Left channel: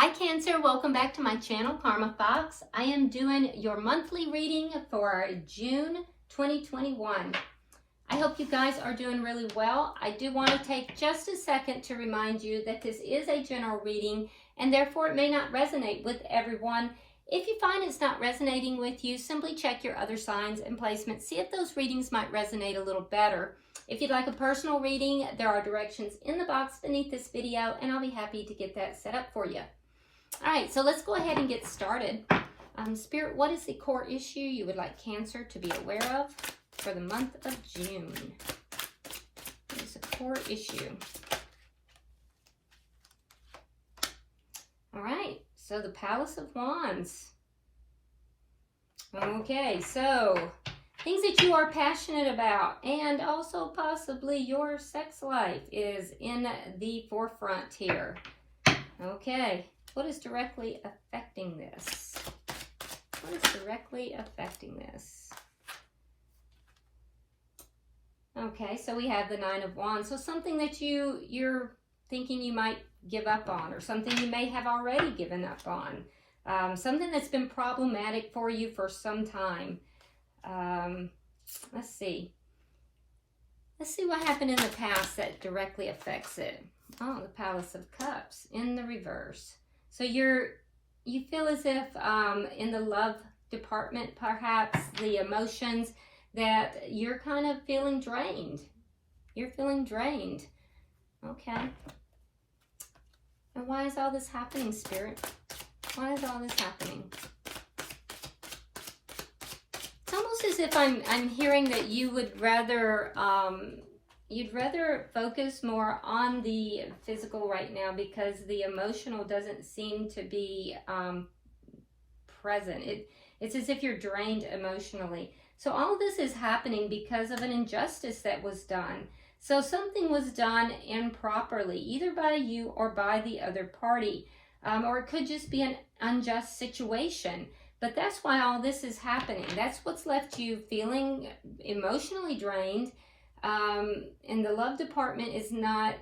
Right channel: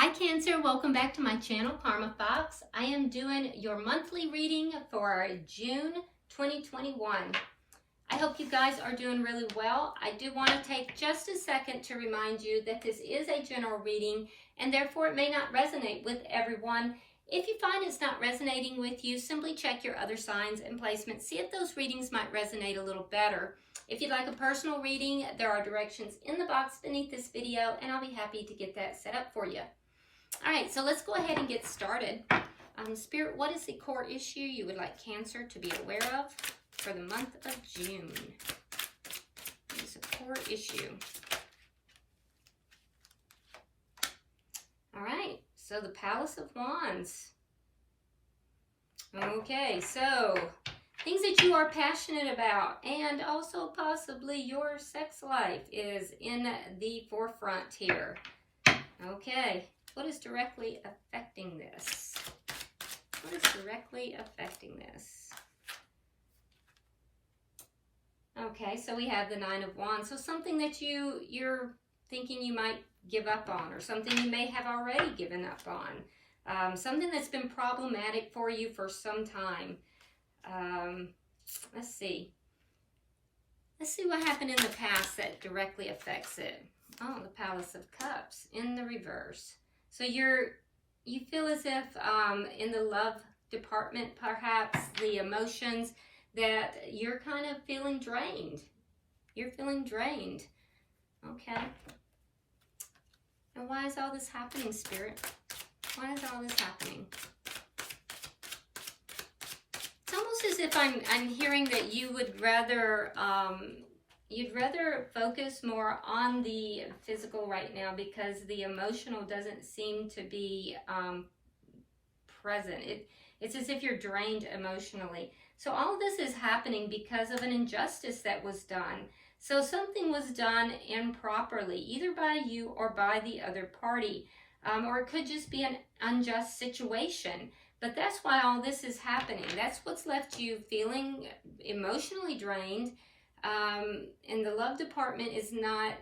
Hi Cancer, welcome back to my channel, Karma Fox. I am doing your monthly reading for June 2021. I hope you guys are doing really well. I do want to take just a second to remind you that this is a general reading and therefore it may not resonate with everyone. If you find it's not resonating with you, simply check your other signs and placements. See if those readings might resonate a little better. If you'd like a personal reading, there are directions in the box beneath this video and I'll be happy to get that set up for you. All right, so let's go ahead and get started. Spirit, what is the core issue you would like Cancer to be aware of for the month of June? What is the core issue? All right, so the Palace of Wands. Okay, so things that you are passionate about and also possibly your sex life is in the forefront here. Okay. What is directly affecting this? What is directly affecting this? Okay, so we have the Nine of Wands. So something that you're thinking you might give up on, or something you may have already given up on. Something that's been problematic for you for some time. Let's see. Let's see what happened in the past that directly affects it. Oh, the Palace of Cups in the reverse. So you feel as if in the love department, perhaps the emotions, that you're kind of feeling drained. You're feeling drained. Okay. And why is all this happening, Spirit? Why is all this happening? It's almost as if I'm hearing that you would rather you'd rather focus more on the physical right now because the emotional doesn't seem to be present. It's as if you're drained emotionally. So all of this is happening because of an injustice that was done. So something was done improperly, either by you or by the other party. Or it could just be an unjust situation. But that's why all this is happening. That's what's left you feeling emotionally drained. And the love department is not,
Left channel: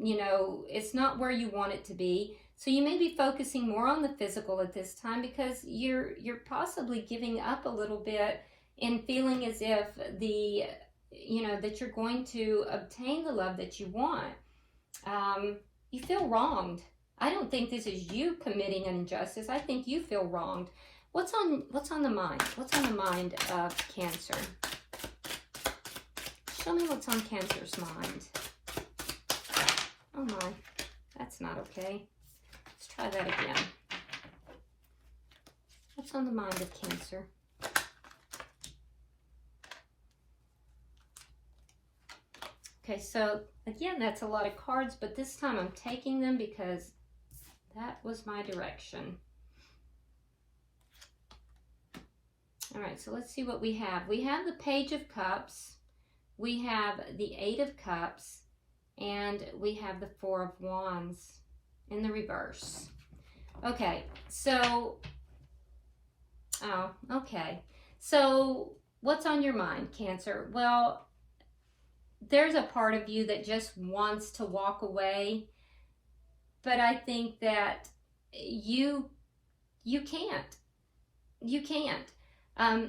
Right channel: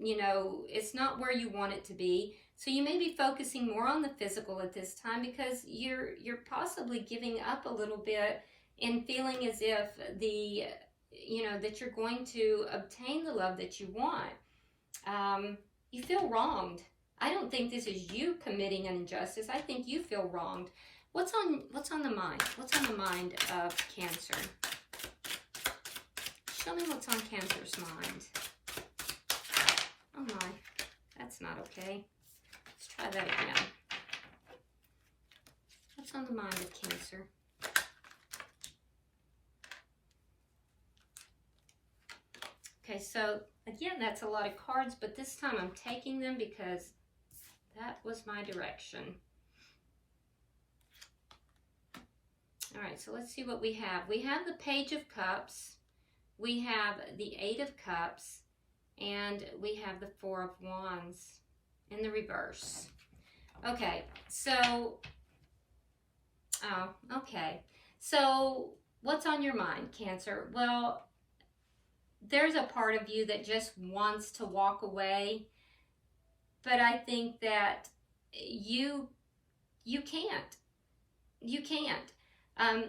it's not where you want it to be. So you may be focusing more on the physical at this time because you're possibly giving up a little bit and feeling as if that you're going to obtain the love that you want. You feel wronged. I don't think this is you committing an injustice. I think you feel wronged. What's on the mind? What's on the mind of Cancer? Show me what's on Cancer's mind. Oh my, that's not okay. Let's try that again. What's on the mind of Cancer? Okay, so again, that's a lot of cards, but this time I'm taking them because that was my direction. All right, so let's see what we have. We have the Page of Cups. We have the Eight of Cups, and we have the Four of Wands in the reverse. Okay, so, So what's on your mind, Cancer? Well, there's a part of you that just wants to walk away, but I think that you can't. You can't.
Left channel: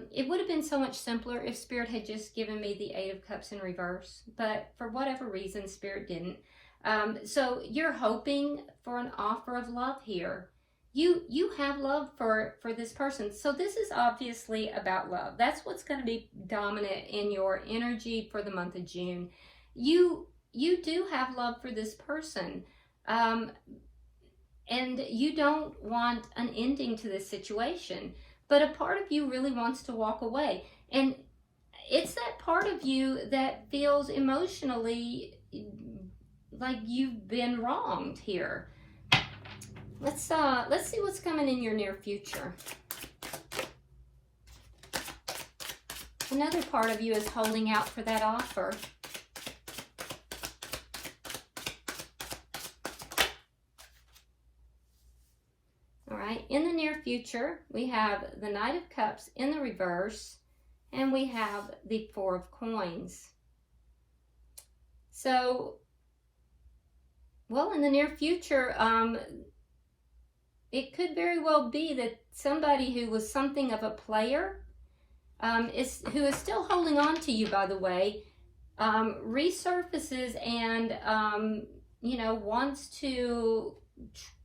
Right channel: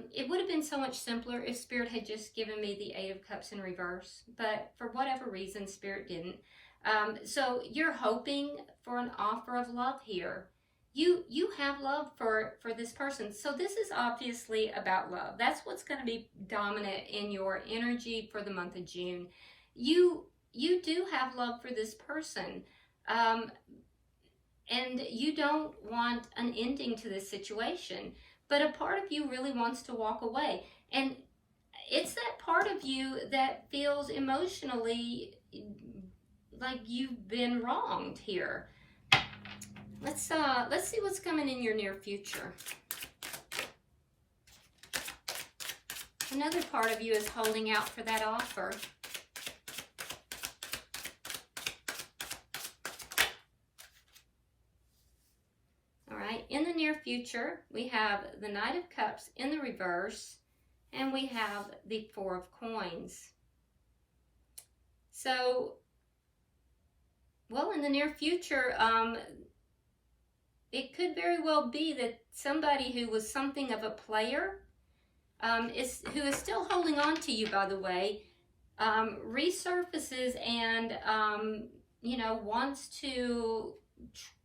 It would have been so much simpler if Spirit had just given me the Eight of Cups in reverse, but for whatever reason, Spirit didn't. So you're hoping for an offer of love here. You have love for this person. So this is obviously about love. That's what's going to be dominant in your energy for the month of June. You do have love for this person. And you don't want an ending to this situation. But a part of you really wants to walk away. And it's that part of you that feels emotionally like you've been wronged here. Let's see what's coming in your near future. Another part of you is holding out for that offer. In the near future, we have the Knight of Cups in the reverse, and we have the Four of Coins. So, well, in the near future, it could very well be that somebody who was something of a player, who is still holding on to you, by the way, resurfaces and, you know, wants to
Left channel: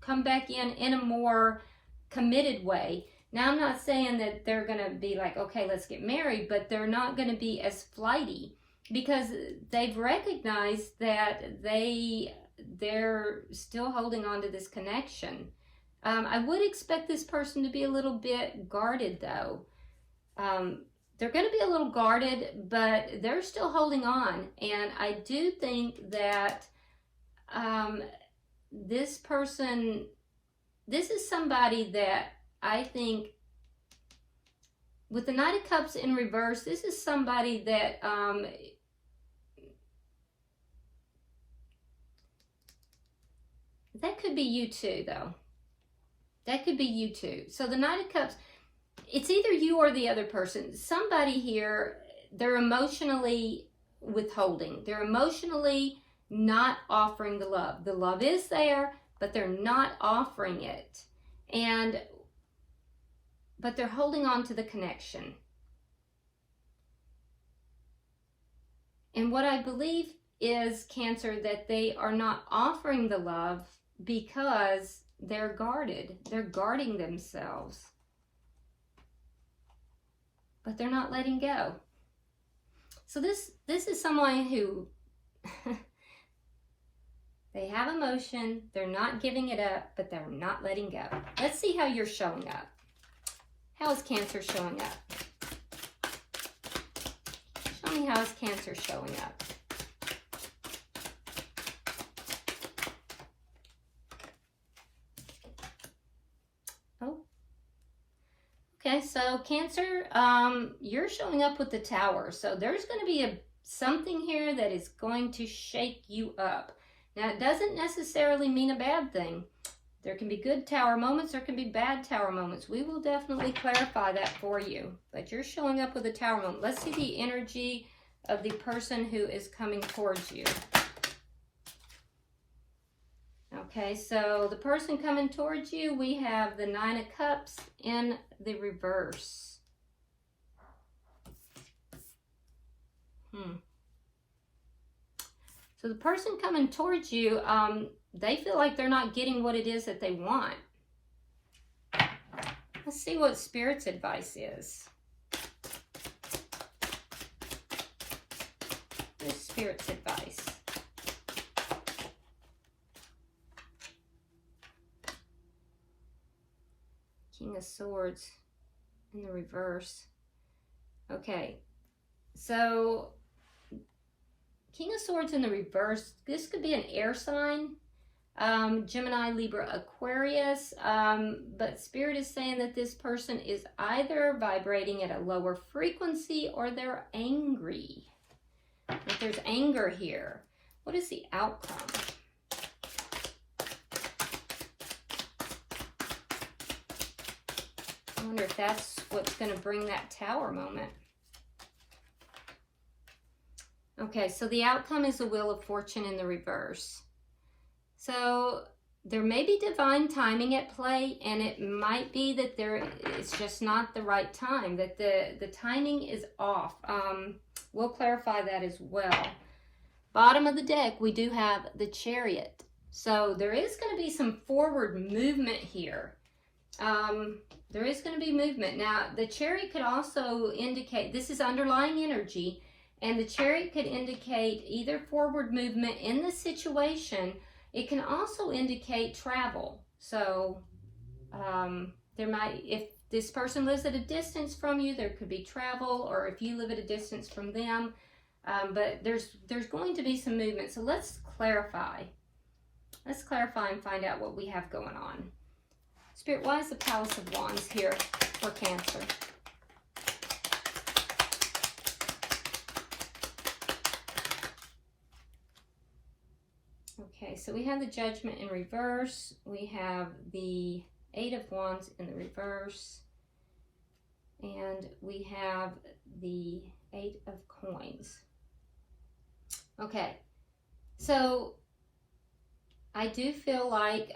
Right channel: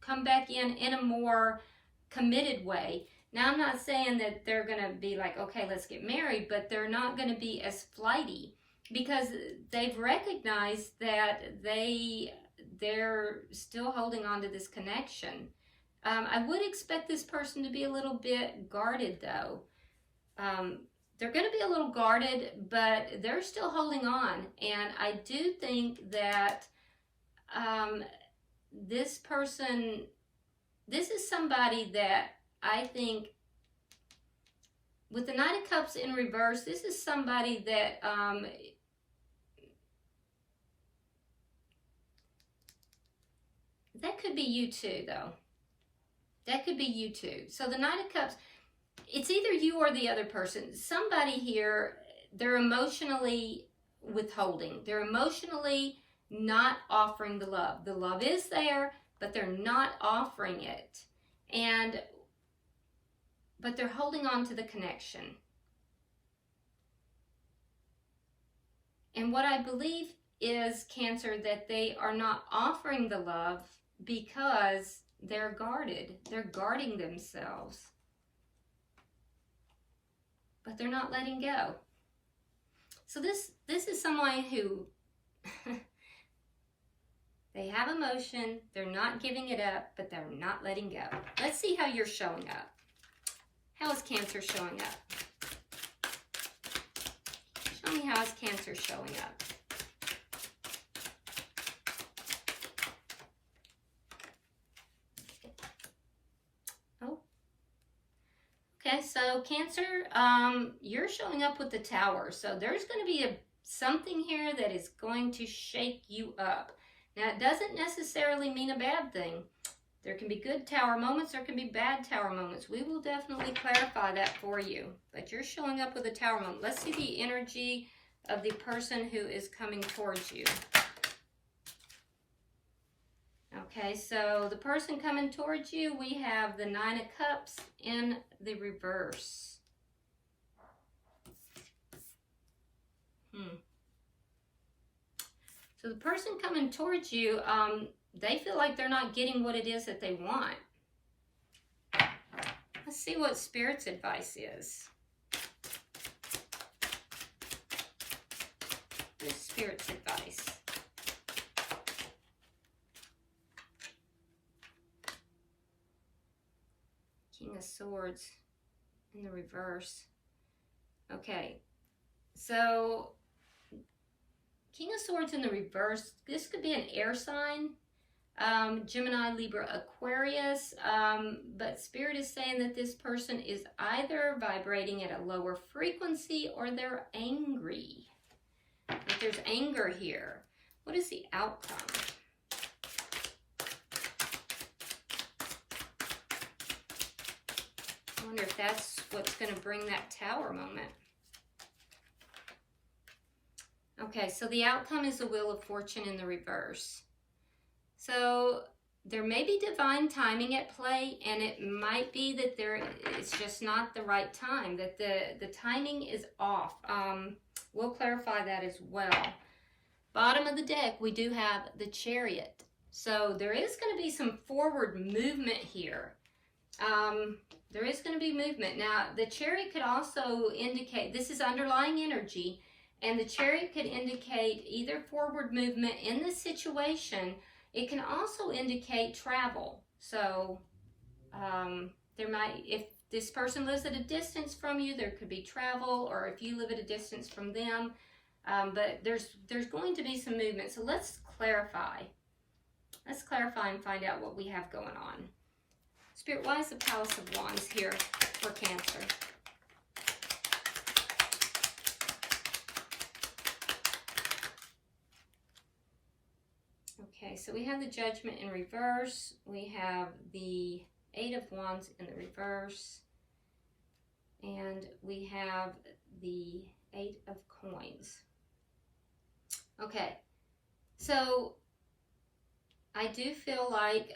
come back in a more committed way. Now, I'm not saying that they're going to be like, okay, let's get married, but they're not going to be as flighty because they've recognized that they're still holding on to this connection. I would expect this person to be a little bit guarded, though. They're going to be a little guarded, but they're still holding on. And I do think that this person, this is somebody that I think, with the Knight of Cups in reverse, this is somebody that that could be you too, though. That could be you too. So the Knight of Cups, it's either you or the other person. Somebody here, they're emotionally withholding. They're emotionally not offering the love. The love is there, but they're not offering it. But they're holding on to the connection. And what I believe is, Cancer, that they are not offering the love because they're guarded. They're guarding themselves. But they're not letting go. So this is someone who they have emotion, they're not giving it up, but they're not letting go. Let's see how you're showing up. How is Cancer showing up? Show me how is Cancer showing up. Oh. Okay, so Cancer, you're showing up with the Tower. So there's going to be something here that is going to shake you up. Now, it doesn't necessarily mean a bad thing. There can be good Tower moments, there can be bad Tower moments. We will definitely clarify that for you. But you're showing up with a Tower moment. Let's see the energy of the person who is coming towards you. Okay, so the person coming towards you, we have the Nine of Cups in the reverse. So the person coming towards you, they feel like they're not getting what it is that they want. Let's see what Spirit's advice is. What's Spirit's advice? King of Swords in the reverse. Okay, so King of Swords in the reverse, this could be an air sign, Gemini, Libra, Aquarius, but Spirit is saying that this person is either vibrating at a lower frequency or they're angry. If there's anger here, what is the outcome? I wonder if that's what's going to bring that Tower moment. Okay, so the outcome is the Wheel of Fortune in the reverse. So there may be divine timing at play, and it might be that it's just not the right time, that the timing is off. We'll clarify that as well. Bottom of the deck, we do have the Chariot. So there is going to be some forward movement here. There is going to be movement. Now, the Chariot could also indicate, this is underlying energy, and the Chariot could indicate either forward movement in the situation. It can also indicate travel. So there might, if this person lives at a distance from you, there could be travel, or if you live at a distance from them. But there's going to be some movement. So let's clarify. Let's clarify and find out what we have going on. Spirit, why is the Palace of Wands here for Cancer? Okay, so we have the Judgment in reverse. We have the Eight of Wands in the reverse. And we have the Eight of Coins. Okay, so I do feel like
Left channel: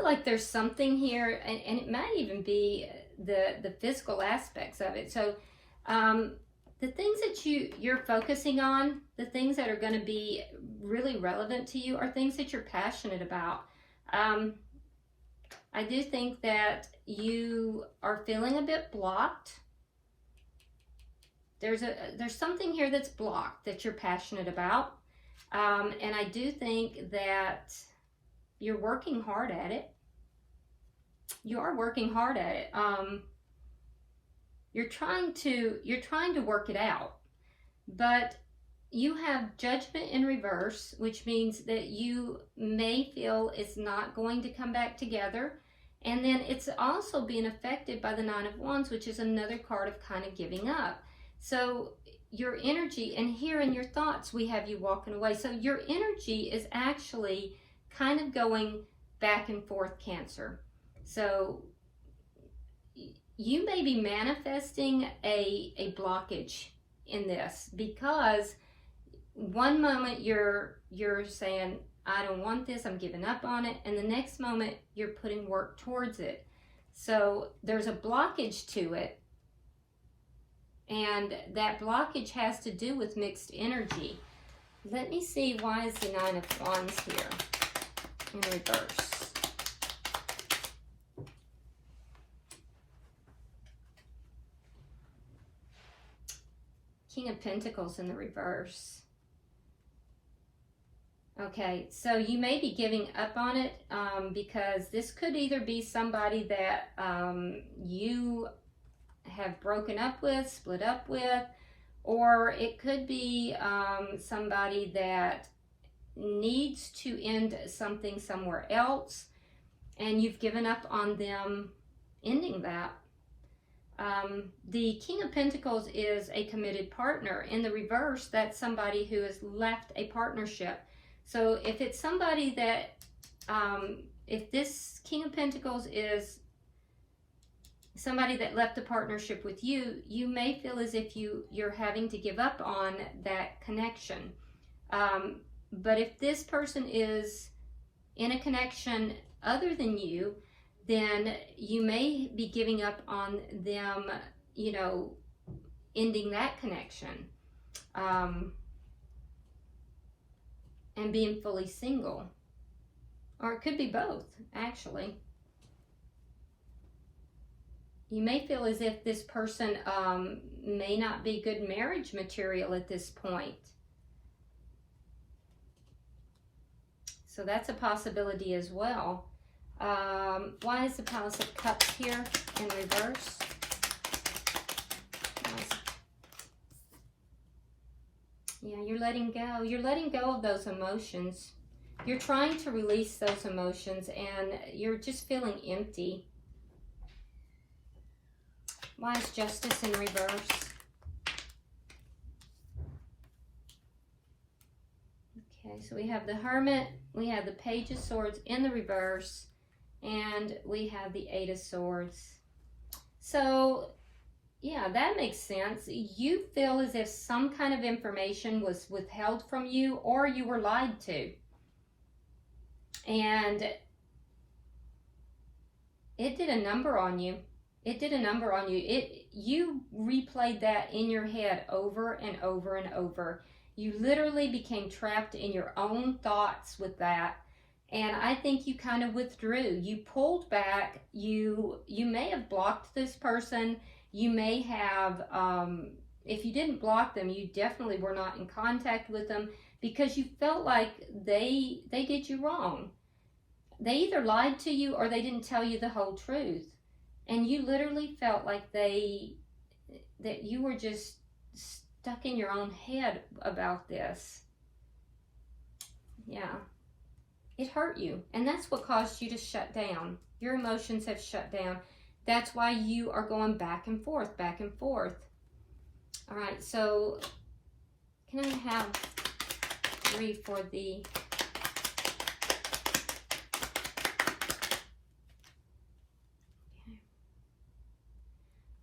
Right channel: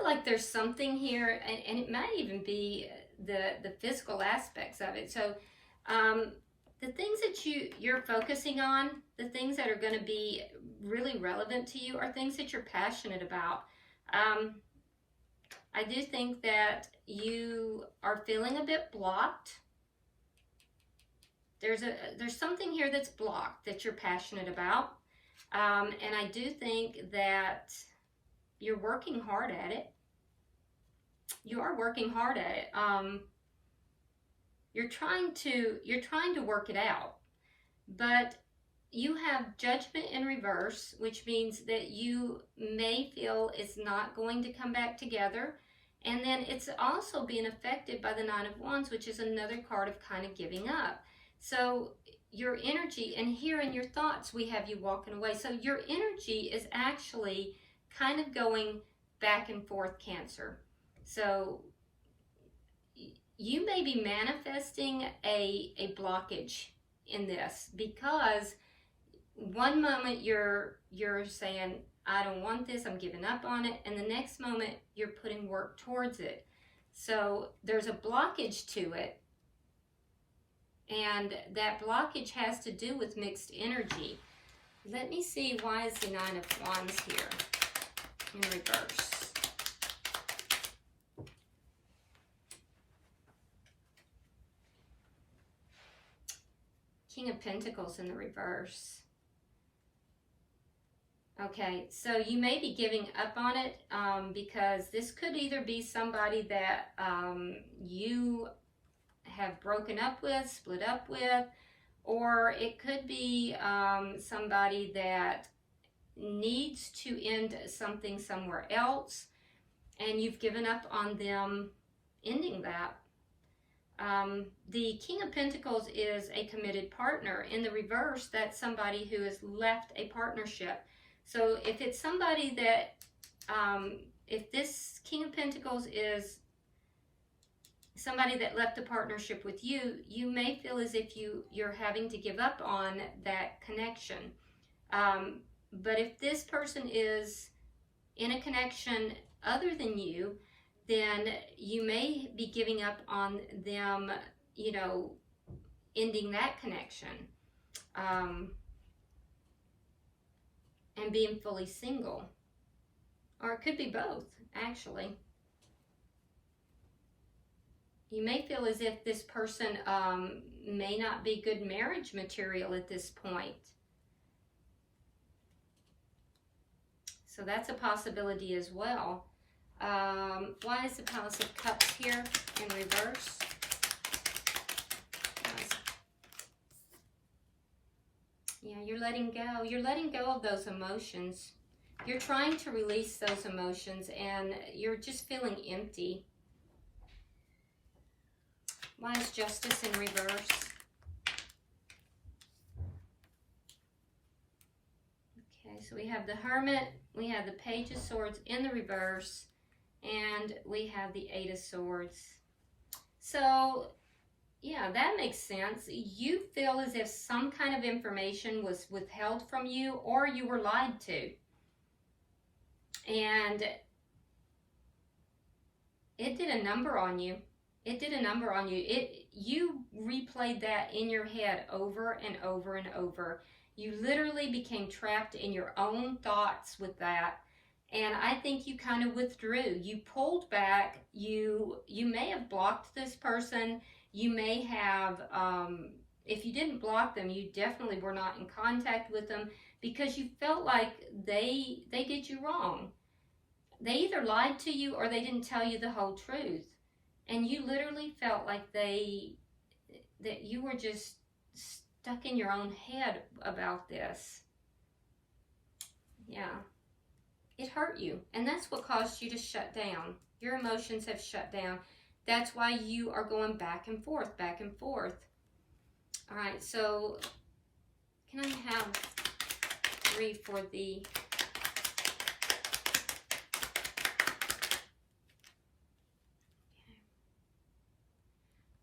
feel like there's something here, and it might even be the physical aspects of it. So the things that you're focusing on, the things that are going to be really relevant to you, are things that you're passionate about. I do think that you are feeling a bit blocked. There's something here that's blocked that you're passionate about. And I do think that you're working hard at it. You are working hard at it. You're trying to work it out, but you have Judgment in reverse, which means that you may feel it's not going to come back together. And then it's also being affected by the Nine of Wands, which is another card of kind of giving up. So your energy, and here in your thoughts, we have you walking away. So your energy is actually kind of going back and forth, Cancer. So you may be manifesting a blockage in this, because one moment you're saying, I don't want this, I'm giving up on it, and the next moment you're putting work towards it. So there's a blockage to it, and that blockage has to do with mixed energy. Let me see, why is the Nine of Wands here in reverse? King of Pentacles in the reverse. Okay, so you may be giving up on it because this could either be somebody that you have broken up with, split up with, or it could be somebody that needs to end something somewhere else, and you've given up on them ending that. The King of Pentacles is a committed partner. In the reverse, that's somebody who has left a partnership. So if it's somebody that, if this King of Pentacles is somebody that left a partnership with you, you may feel as if you're having to give up on that connection. But if this person is in a connection other than you, then you may be giving up on them, you know, ending that connection, and being fully single. Or it could be both, actually. You may feel as if this person may not be good marriage material at this point. So that's a possibility as well. Why is the Palace of Cups here in reverse? Yeah, you're letting go. You're letting go of those emotions. You're trying to release those emotions, and you're just feeling empty. Why is Justice in reverse? Okay, so we have the Hermit, we have the Page of Swords in the reverse, and we have the Eight of Swords. So, yeah, that makes sense. You feel as if some kind of information was withheld from you, or you were lied to. And it did a number on you. It did a number on you. You replayed that in your head over and over and over. You literally became trapped in your own thoughts with that. And I think you kind of withdrew. You pulled back. You may have blocked this person. You may have, if you didn't block them, you definitely were not in contact with them, because you felt like they did you wrong. They either lied to you or they didn't tell you the whole truth. And you literally felt like that you were just stuck in your own head about this. Yeah. It hurt you. And that's what caused you to shut down. Your emotions have shut down. That's why you are going back and forth, back and forth. All right, so can I have 3 for the...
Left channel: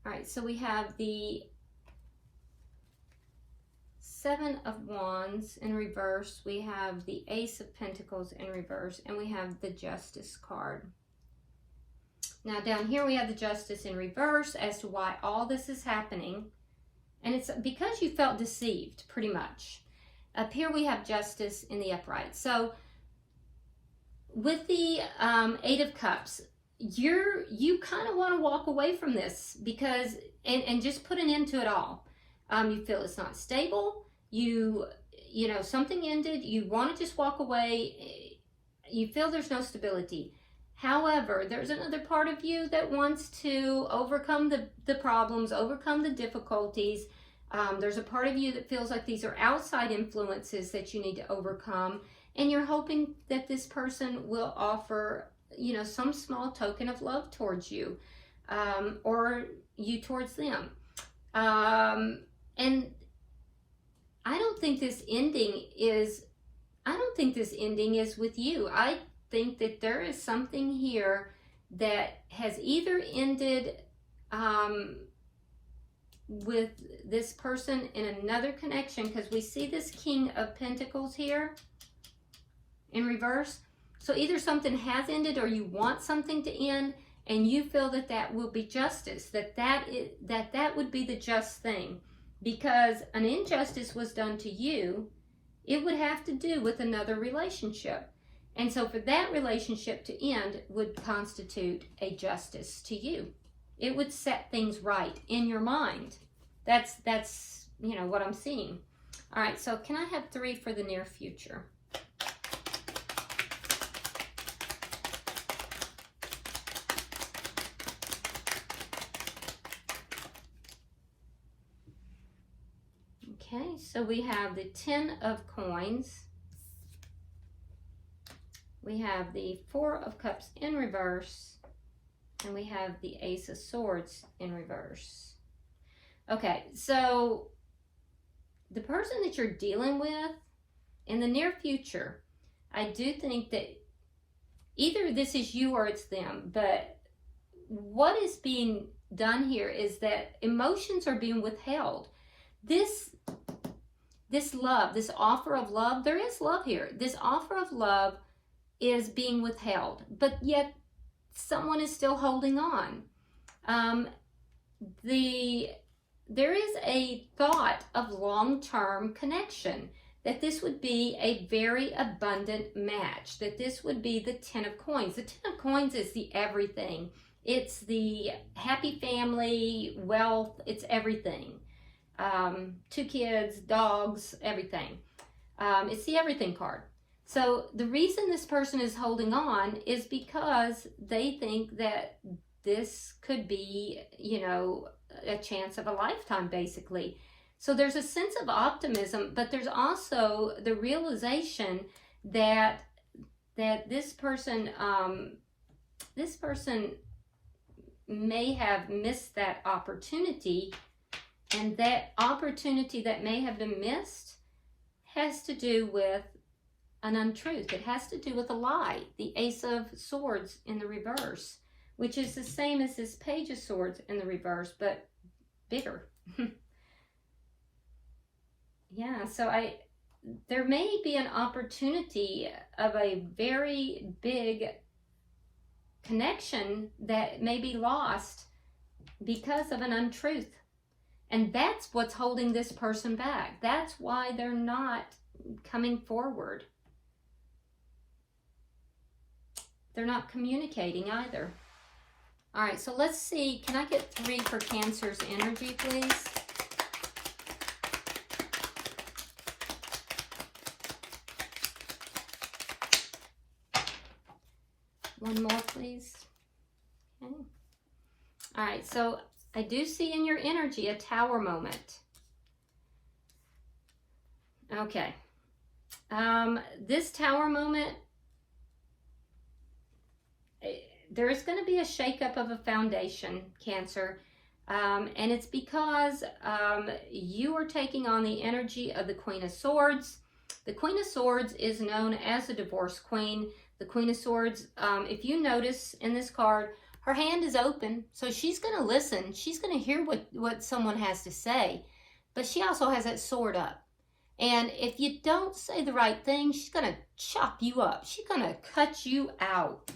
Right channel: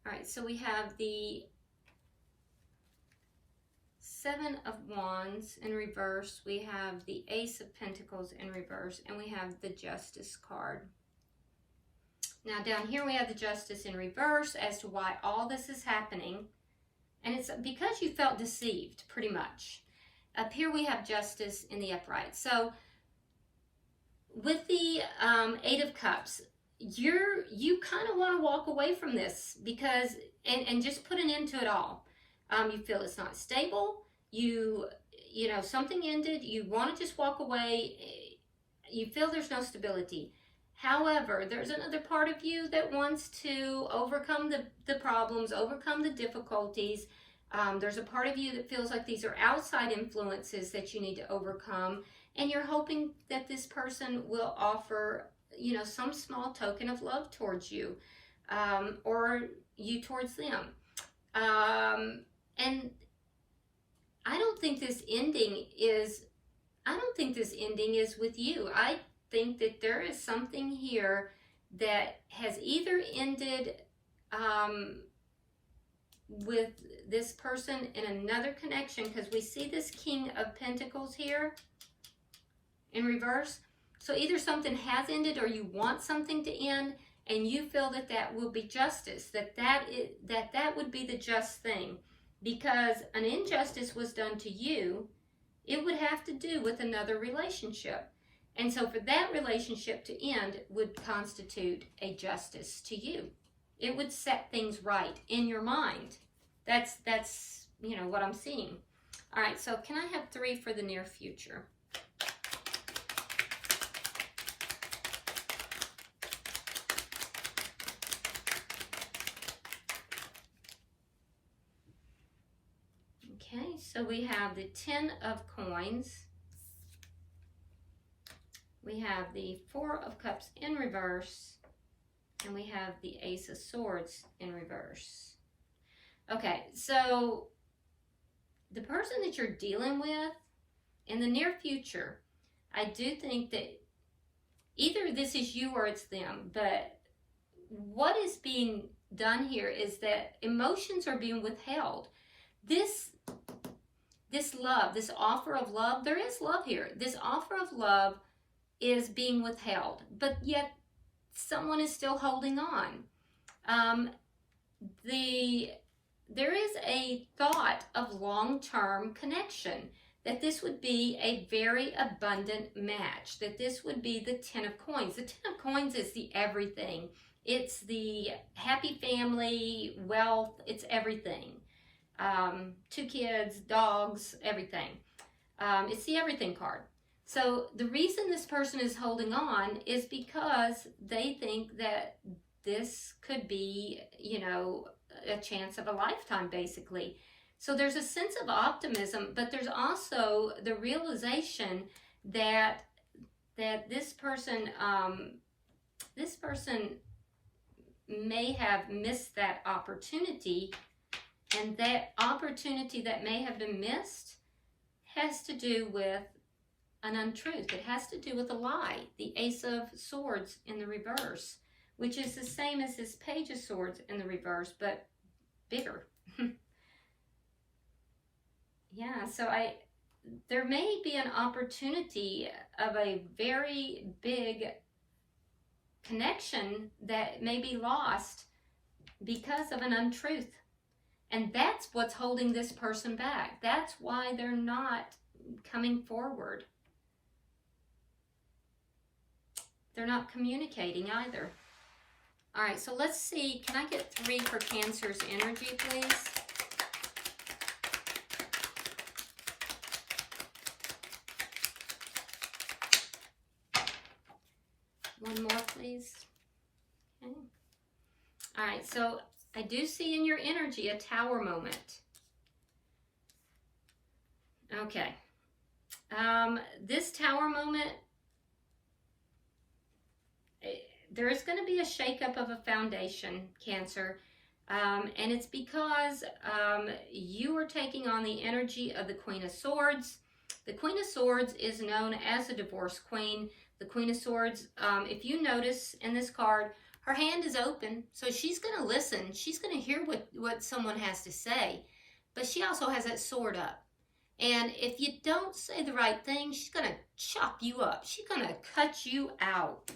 All right, so we have the Seven of Wands in reverse. We have the Ace of Pentacles in reverse, and we have the Justice card. Now down here we have the Justice in reverse as to why all this is happening. And it's because you felt deceived, pretty much. Up here we have Justice in the upright. So with the Eight of Cups, you kind of want to walk away from this because, and just put an end to it all. You feel it's not stable. You know, something ended. You want to just walk away. You feel there's no stability. However, there's another part of you that wants to overcome the problems, overcome the difficulties. There's a part of you that feels like these are outside influences that you need to overcome. And you're hoping that this person will offer, you know, some small token of love towards you, or you towards them. And I don't think this ending is with you. I think that there is something here that has either ended with this person in another connection, because we see this King of Pentacles here in reverse. So either something has ended or you want something to end, and you feel that that will be justice, that would be the just thing. Because an injustice was done to you, it would have to do with another relationship. And so for that relationship to end would constitute a justice to you. It would set things right in your mind. That's you know what I'm seeing. All right, so can I have 3 for the near future? Okay, so we have the 10 of Coins. We have the 4 of Cups in reverse. And we have the Ace of Swords in reverse. Okay, so the person that you're dealing with in the near future, I do think that either this is you or it's them, but what is being done here is that emotions are being withheld. This love, this offer of love, there is love here. This offer of love is being withheld, but yet someone is still holding on. There is a thought of long-term connection, that this would be a very abundant match, that this would be the 10 of Coins. The 10 of Coins is the everything. It's the happy family, wealth, it's everything. 2 kids, dogs, everything. It's the everything card. So the reason this person is holding on is because they think that this could be, you know, a chance of a lifetime, basically. So there's a sense of optimism, but there's also the realization that this person may have missed that opportunity, and that opportunity that may have been missed has to do with an untruth. It has to do with a lie. The Ace of Swords in the reverse, which is the same as this Page of Swords in the reverse, but bigger. Yeah, so there may be an opportunity of a very big connection that may be lost because of an untruth. And that's what's holding this person back. That's why they're not coming forward. They're not communicating either. All right, so let's see. Can I get 3 for Cancer's energy, please? One more, please. Okay. All right, so I do see in your energy a Tower moment. Okay. This Tower moment, there is going to be a shakeup of a foundation, Cancer. And it's because you are taking on the energy of the Queen of Swords. The Queen of Swords is known as the divorce queen. The Queen of Swords, if you notice in this card, her hand is open, so she's going to listen. She's going to hear what someone has to say, but she also has that sword up. And if you don't say the right thing, she's going to chop you up. She's going to cut you out.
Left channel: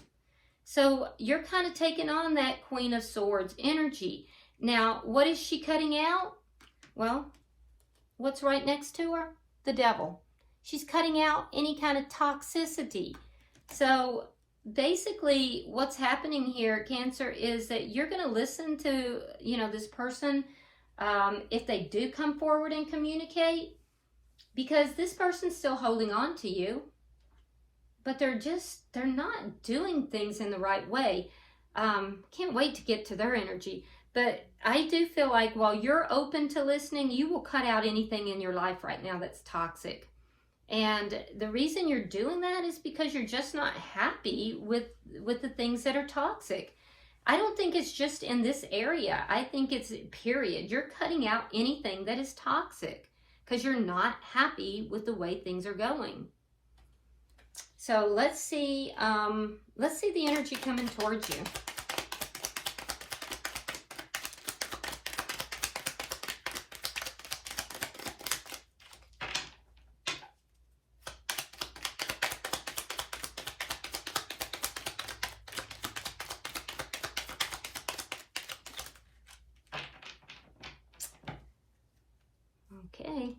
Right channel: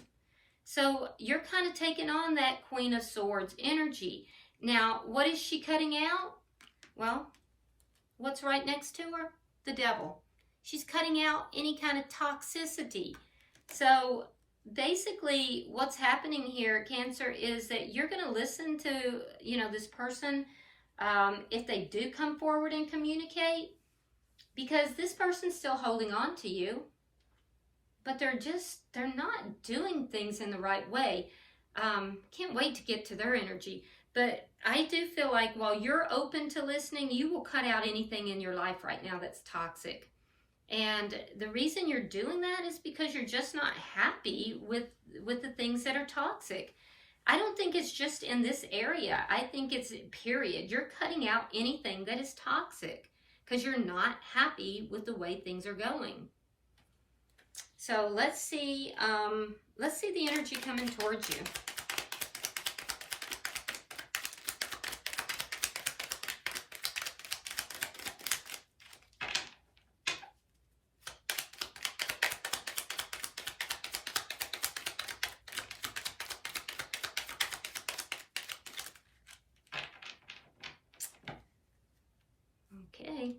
So you're kind of taking on that Queen of Swords energy. Now, what is she cutting out? Well, what's right next to her? The Devil. She's cutting out any kind of toxicity. So basically what's happening here, Cancer, is that you're going to listen to, this person if they do come forward and communicate, because this person's still holding on to you, but they're not doing things in the right way. Can't wait to get to their energy. But I do feel like while you're open to listening, you will cut out anything in your life right now that's toxic. And the reason you're doing that is because you're just not happy with the things that are toxic. I don't think it's just in this area. I think it's period. You're cutting out anything that is toxic because you're not happy with the way things are going. So let's see the energy coming towards you. Okay.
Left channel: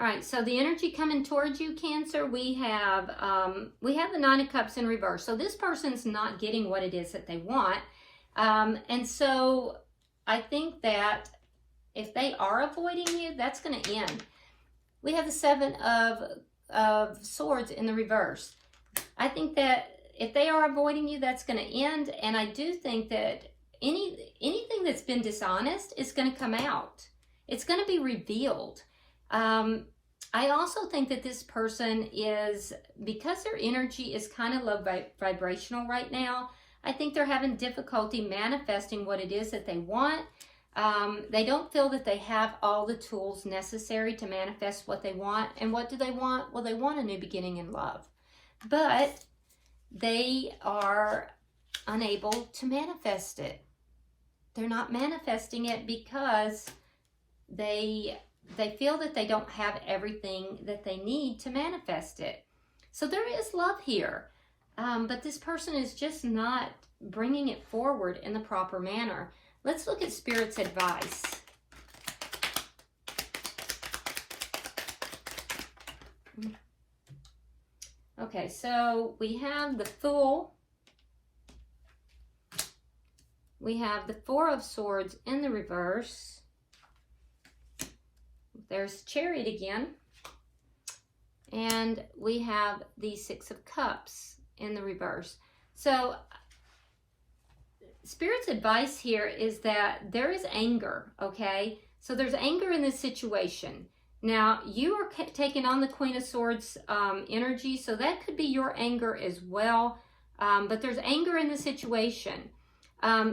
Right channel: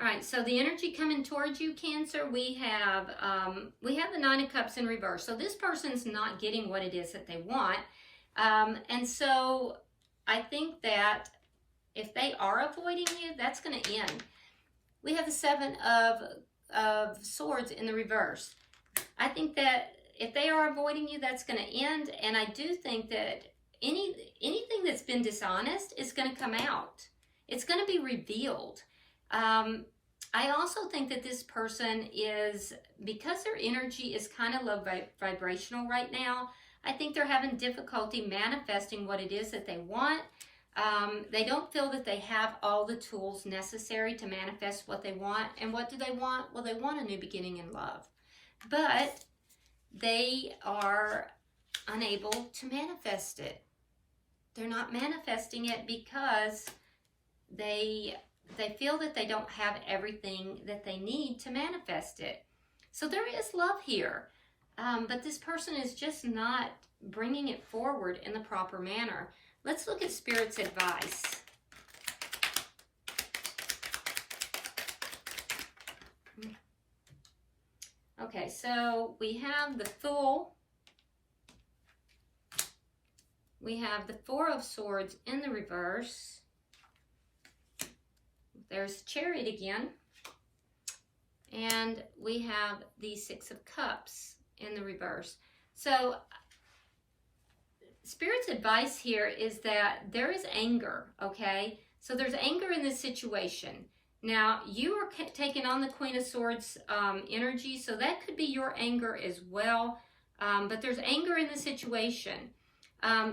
All right, so the energy coming towards you, Cancer, we have the Nine of Cups in reverse. So this person's not getting what it is that they want. And so I think that if they are avoiding you, that's going to end. We have the Seven of Swords in the reverse. I think that if they are avoiding you, that's going to end. And I do think that anything that's been dishonest is going to come out. It's going to be revealed. I also think that this person is, because their energy is kind of low vibrational right now, I think they're having difficulty manifesting what it is that they want. They don't feel that they have all the tools necessary to manifest what they want. And what do they want? Well, they want a new beginning in love. But they are unable to manifest it. They're not manifesting it because they feel that they don't have everything that they need to manifest it. So there is love here, but this person is just not bringing it forward in the proper manner. Let's look at Spirit's advice. Okay, so we have the Fool. We have the Four of Swords in the reverse. There's Chariot again. And we have the Six of Cups in the reverse. So Spirit's advice here is that there is anger, okay? So there's anger in this situation. Now, you are taking on the Queen of Swords energy, so that could be your anger as well. But there's anger in the situation.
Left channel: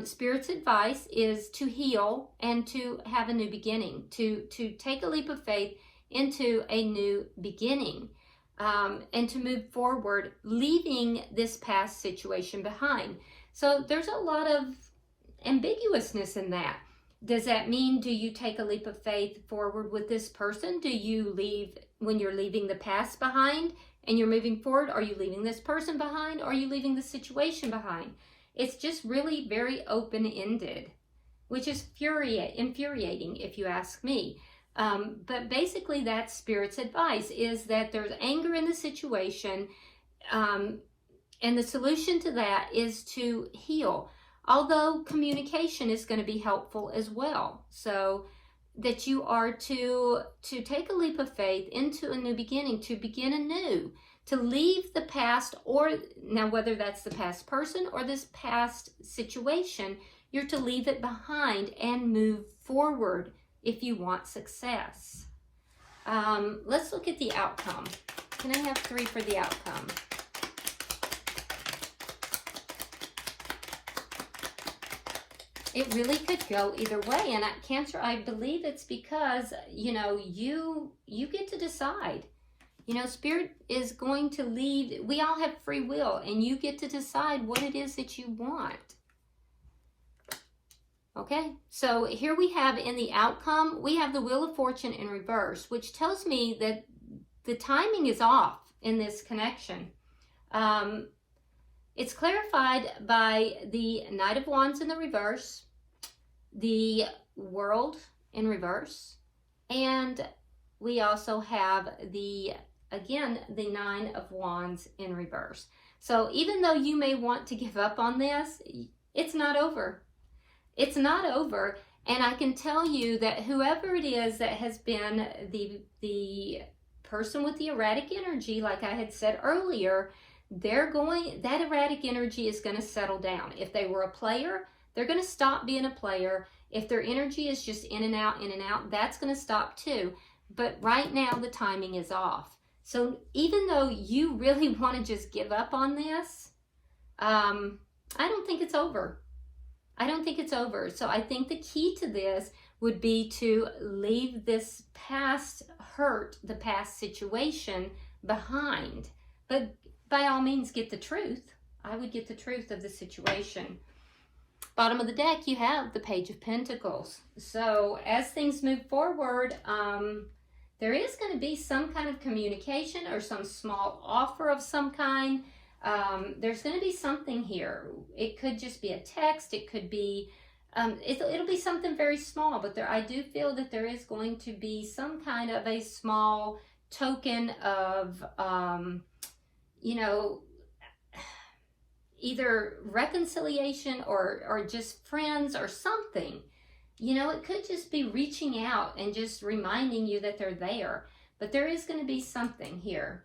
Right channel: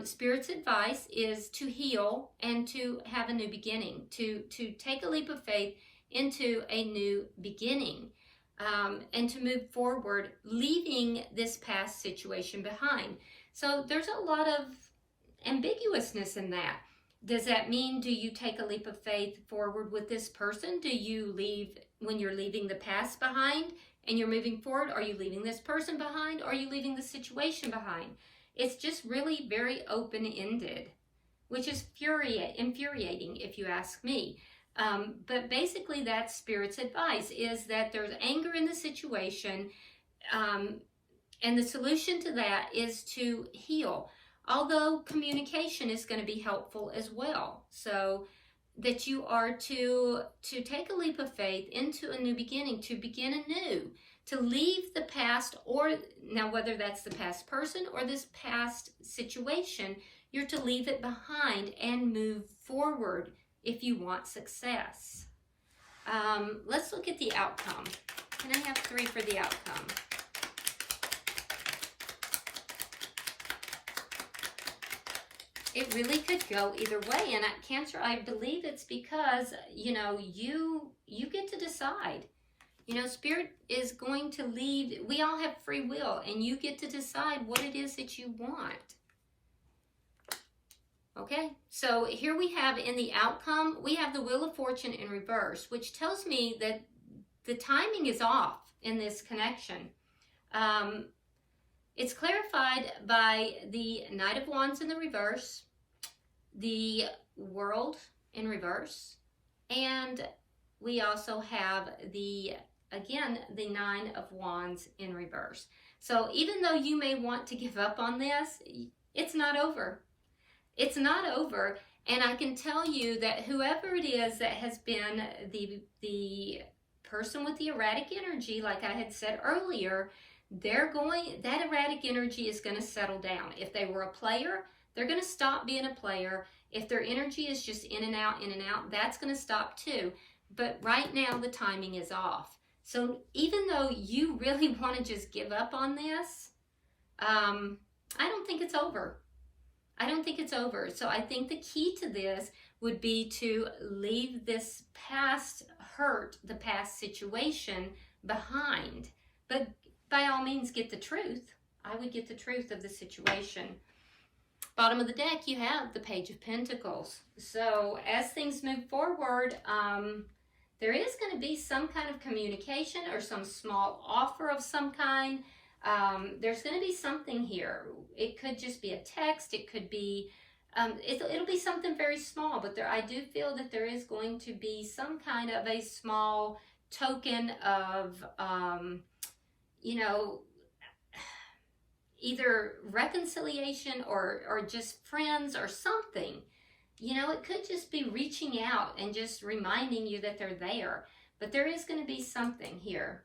Spirit's advice is to heal and to have a new beginning, to take a leap of faith into a new beginning, and to move forward, leaving this past situation behind. So there's a lot of ambiguousness in that. Does that mean, do you take a leap of faith forward with this person? Do you leave when you're leaving the past behind and you're moving forward? Are you leaving this person behind? Or are you leaving the situation behind? It's just really very open-ended, which is infuriating if you ask me. But basically that's Spirit's advice, is that there's anger in the situation, and the solution to that is to heal. Although communication is going to be helpful as well. So that you are to take a leap of faith into a new beginning, to begin anew, to leave the past, or now whether that's the past person or this past situation, you're to leave it behind and move forward if you want success. Let's look at the outcome. Can I have 3 for the outcome? It really could go either way. And at Cancer, I believe it's because, you get to decide. Spirit is going to lead. We all have free will, and you get to decide what it is that you want. Okay, so here we have in the outcome, we have the Wheel of Fortune in reverse, which tells me that the timing is off in this connection. It's clarified by the Knight of Wands in the reverse, the World in reverse, and we also have again, the Nine of Wands in reverse. So even though you may want to give up on this, it's not over. It's not over. And I can tell you that whoever it is that has been the person with the erratic energy, like I had said earlier, that erratic energy is going to settle down. If they were a player, they're going to stop being a player. If their energy is just in and out, that's going to stop too. But right now, the timing is off. So even though you really want to just give up on this, I don't think it's over. I don't think it's over. So I think the key to this would be to leave this past hurt, the past situation behind. But by all means, get the truth. I would get the truth of the situation. Bottom of the deck, you have the Page of Pentacles. So as things move forward, there is going to be some kind of communication or some small offer of some kind. There's going to be something here. It could just be a text. It could be, it'll be something very small, but I do feel that there is going to be some kind of a small token of, you know, either reconciliation or just friends or something. You know, it could just be reaching out and just reminding you that they're there, but there is going to be something here.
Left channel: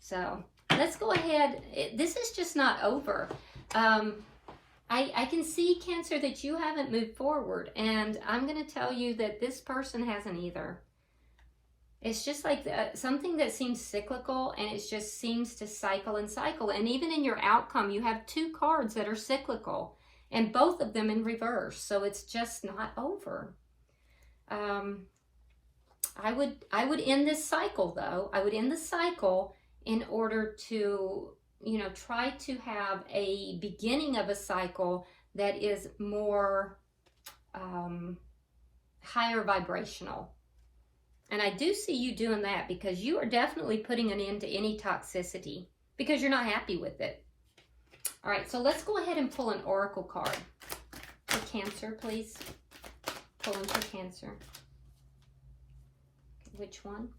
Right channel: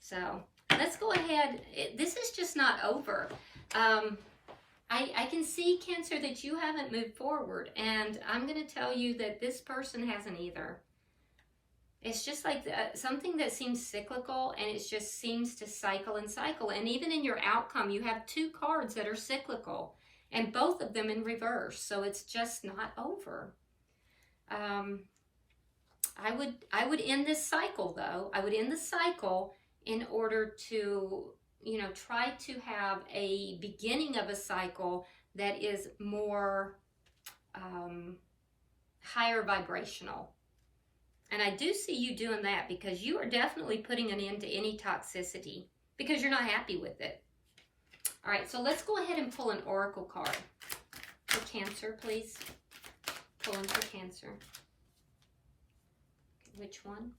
So let's go ahead. This is just not over. I can see, Cancer, that you haven't moved forward, and I'm going to tell you that this person hasn't either. It's just like something that seems cyclical, and it just seems to cycle and cycle. And even in your outcome, you have two cards that are cyclical, and both of them in reverse. So it's just not over. I would end this cycle, though. I would end the cycle in order to, you know, try to have a beginning of a cycle that is more higher vibrational. And I do see you doing that, because you are definitely putting an end to any toxicity because you're not happy with it. All right, so let's go ahead and pull an oracle card for Cancer, please. Pull in for Cancer. Which one?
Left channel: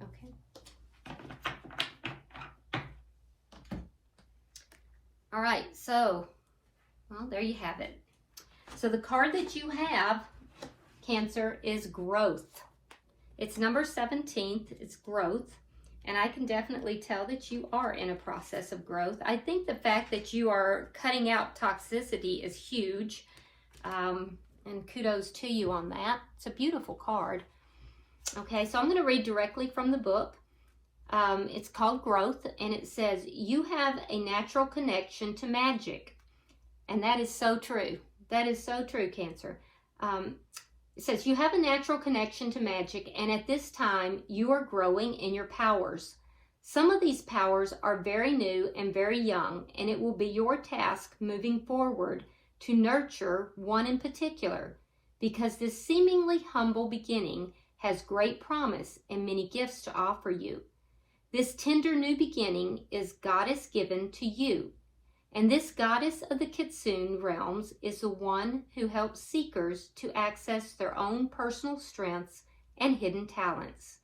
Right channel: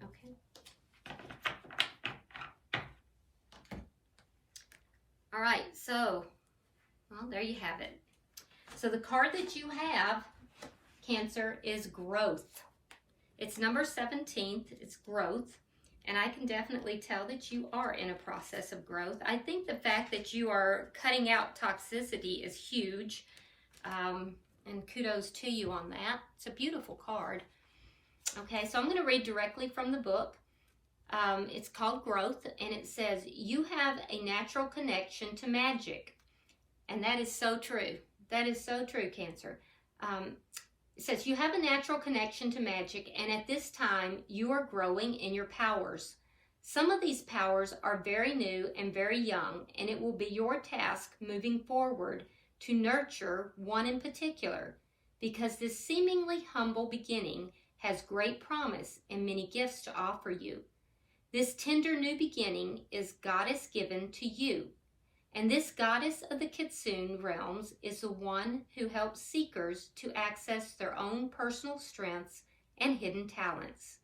Okay. All right, so, well, there you have it. So the card that you have, Cancer, is growth. It's number 17. It's growth. And I can definitely tell that you are in a process of growth. I think the fact that you are cutting out toxicity is huge. And kudos to you on that. It's a beautiful card. Okay, so I'm going to read directly from the book. It's called Growth, and it says, you have a natural connection to magic. And that is so true. That is so true, Cancer. It says, you have a natural connection to magic, and at this time, you are growing in your powers. Some of these powers are very new and very young, and it will be your task moving forward to nurture one in particular, because this seemingly humble beginning has great promise and many gifts to offer you. This tender new beginning is goddess given to you. And this goddess of the Kitsune realms is the one who helps seekers to access their own personal strengths and hidden talents,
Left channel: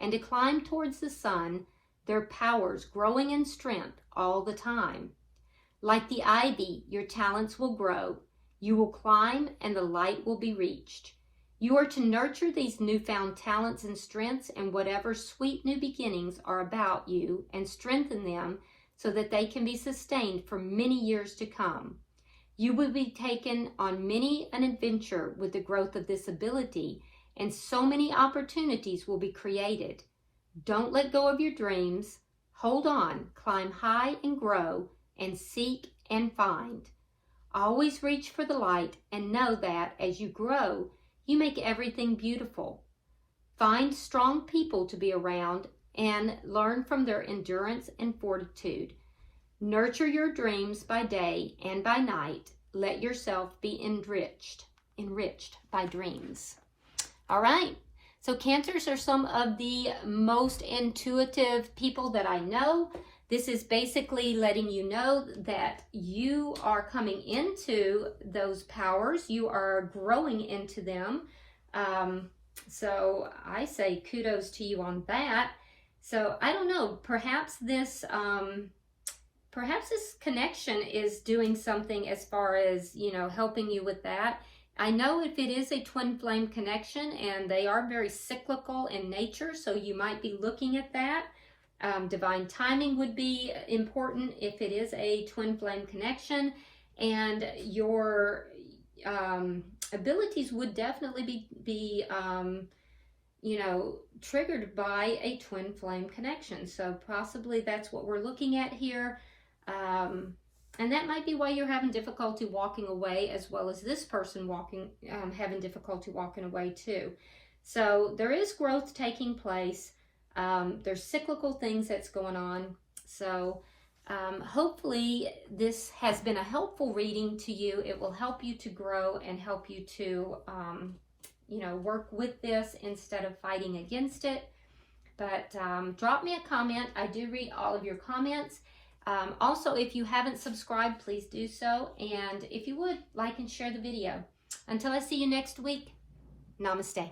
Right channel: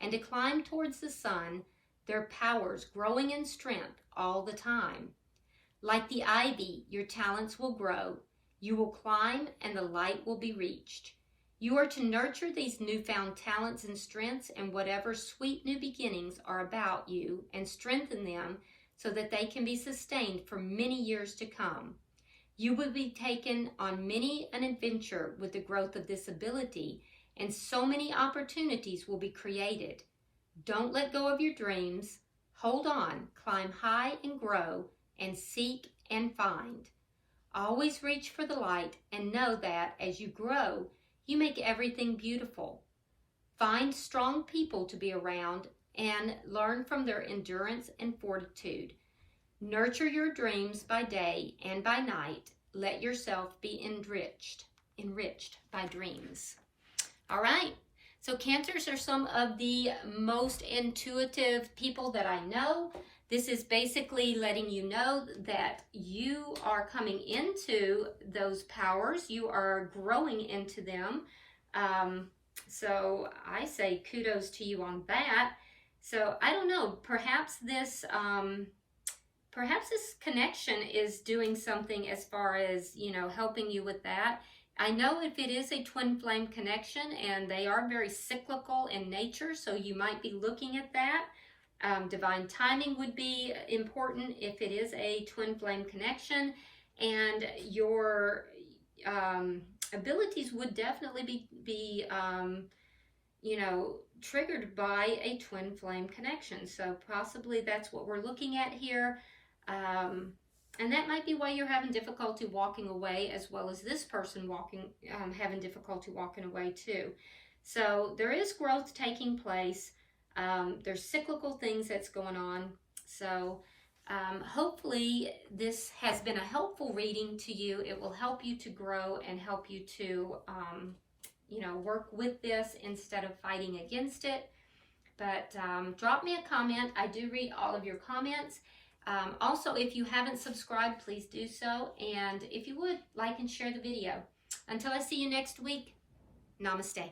and to climb towards the sun, their powers growing in strength all the time. Like the ivy, your talents will grow. You will climb, and the light will be reached. You are to nurture these newfound talents and strengths and whatever sweet new beginnings are about you, and strengthen them so that they can be sustained for many years to come. You will be taken on many an adventure with the growth of this ability, and so many opportunities will be created. Don't let go of your dreams. Hold on, climb high and grow, and seek and find. Always reach for the light, and know that as you grow, you make everything beautiful. Find strong people to be around and learn from their endurance and fortitude. Nurture your dreams by day and by night. Let yourself be enriched by dreams. All right. So Cancers are some of the most intuitive people that I know. This is basically letting you know that you are coming into those powers. You are growing into them. So I say kudos to you on that. So I don't know, perhaps this connection is doing something as far as, you know, helping you with that. I know if it is a twin flame connection, and they are very cyclical in nature, so you might be looking at that. Divine timing would be important if it is a twin flame connection, and your abilities would definitely be you know, triggered by a twin flame connection. So possibly that's what we're looking at here. And that might be why you're having difficulty walking away, as well as this person having difficulty walking away too. So there is growth taking place. There's cyclical things that's going on. So hopefully this has been a helpful reading to you. It will help you to grow and help you to, you know, work with this instead of fighting against it. But drop me a comment. I do read all of your comments. Also, if you haven't subscribed, please do so. And if you would, like and share the video. Until I see you next week, namaste.